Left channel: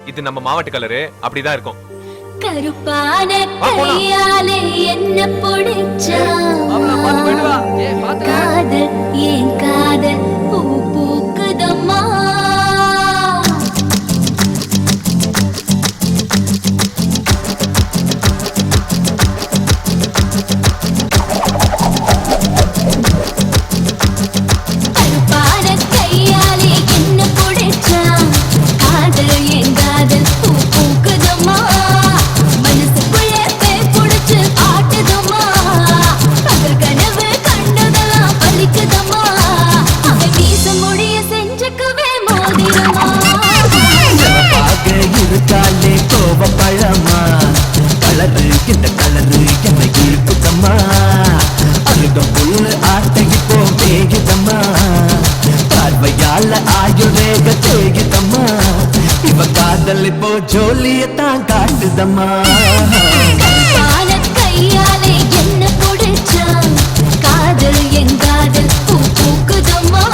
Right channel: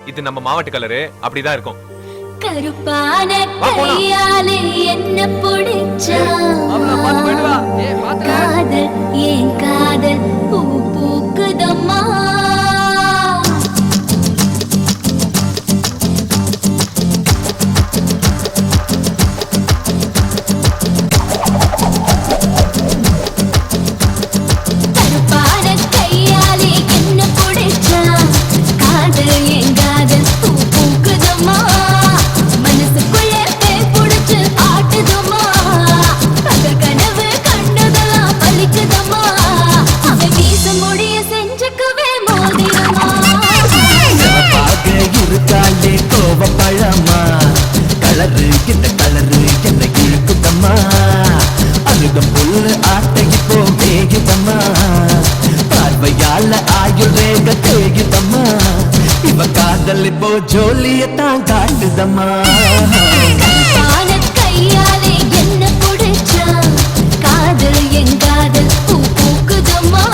இது நம்ம மாவட்ட கலரு அப்படிதான் இருக்கும். கருப்பான கையாலே என்ன பிடிச்சா காதல் ஏன் காதல் பூ பூக்குதம்மா கருப்பான கையாலே என்ன பிடிச்சா காதல் ஏன் காதல் பூ பூக்குதம்மா மனசுக்குள்ள பேய் புடிச்சு ஆட்டுதம்மா பகல் கனவு கண்டதெல்லாம் பலிக்குதம்மா அவன் வீச முடிய செஞ்சுக்கவே மோதிரமா சிவப்பாக இருக்காளே கோவ பழமா கலரு இந்த கலரு என்ன இழுக்குதம்மா அருகம் புல்லு ஆட்டை இப்போ மேயுதம்மா பார்வையால ஆயுள் ரேக தேயுதம்மா இவ காதல் இப்போ ஜோலியத்தான் காட்டுதம்மா கருப்பான கையாலே என்ன புடிச்சா காதல் என் காதல் பூ பூக்குதம்மா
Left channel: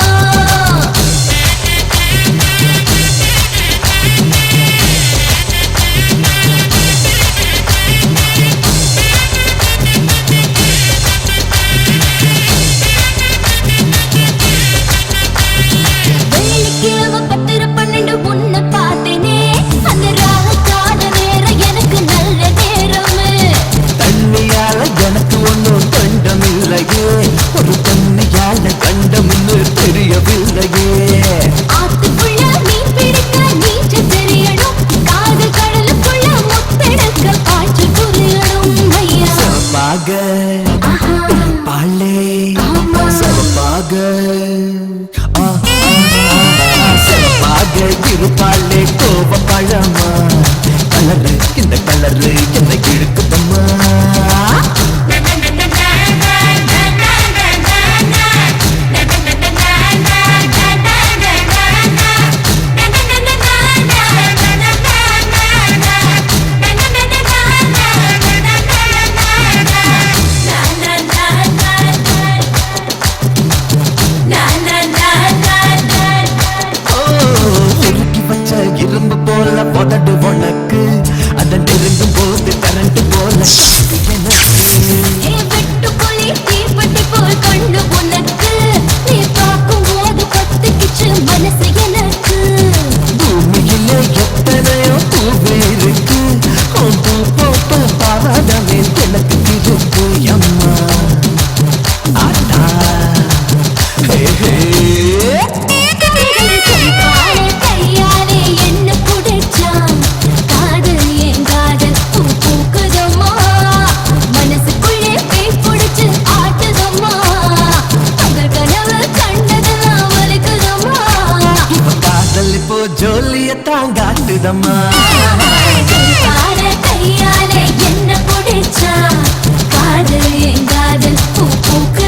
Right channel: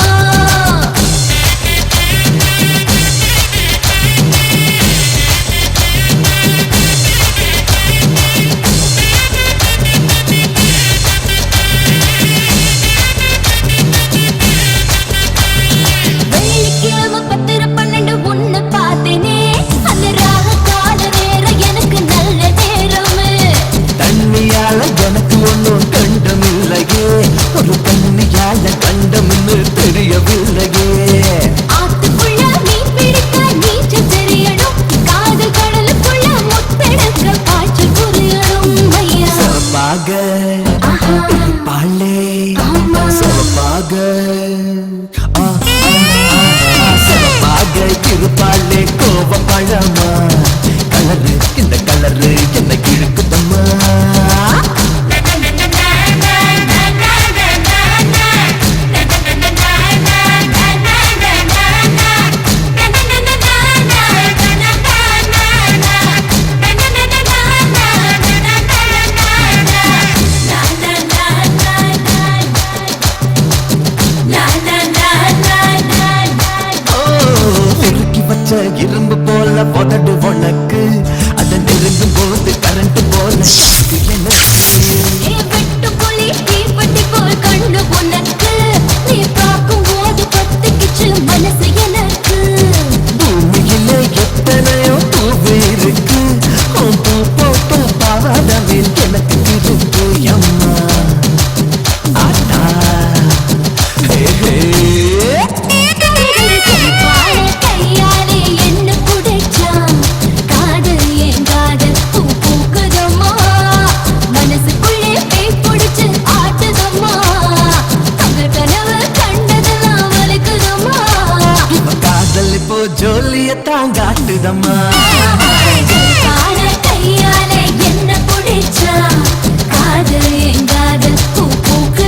வெள்ளிக்கிழமை 10:12 உன்னை பார்த்தேனே அந்த ராக கால நேரம் எனக்கு நல்ல நேரமே தண்ணியால எனக்கு ஒன்னும் கண்டமில்லையே ஒரு தண்ணியால கண்டமின்னு தெரியவில்லையே ஆத்துக்குள்ள மீன் பிடிக்க நீச்சல் தெரியணும் காதல் கடலுக்குள்ள முத்தெடுக்க பாய்ச்சல் புரியணும் ஐயா சிவப்பாக ஆஹா. பாலே ஆமா. சிவப்பாக சிவப்பாக இருப்பாளே கோவ பழமா கலரு இந்த கலரு என்ன இழுக்குதம்மா உருக்கி வச்ச இரும்பு போல உதடு உனக்கு அதை நெருங்கும் போது கரண்ட் போல ஷாக்கு எனக்கு ஏ வெட்டுப்புலி தீப்பெட்டி போல் கண்ணு உனக்கு நீ பார்க்கும் போது பத்துக்கிச்சு மனசு எனக்கு பூமியில எத்தனையோ பூவு இருக்கு உன் பூ போட்ட பாவாடவில் எனக்கு இருக்கு அம்மா ஆட்டா ஹே ஹே கருகரு கருப்பான கையாலே என்ன புடிச்சா காதல் ஏன் காதல் பூ பூக்குதம்மா மனசுக்குள்ளே பேய் புடிச்சு ஆட்டுதம்மா பகல் கனவு கண்டதெல்லாம் வலிக்குதம்மா இவ காதல் இப்போ ஜோலியத்தான் காட்டுதம்மா கருப்பான கையாலே என்ன புடிச்சா காதல் ஏன் காதல் பூ பூக்கு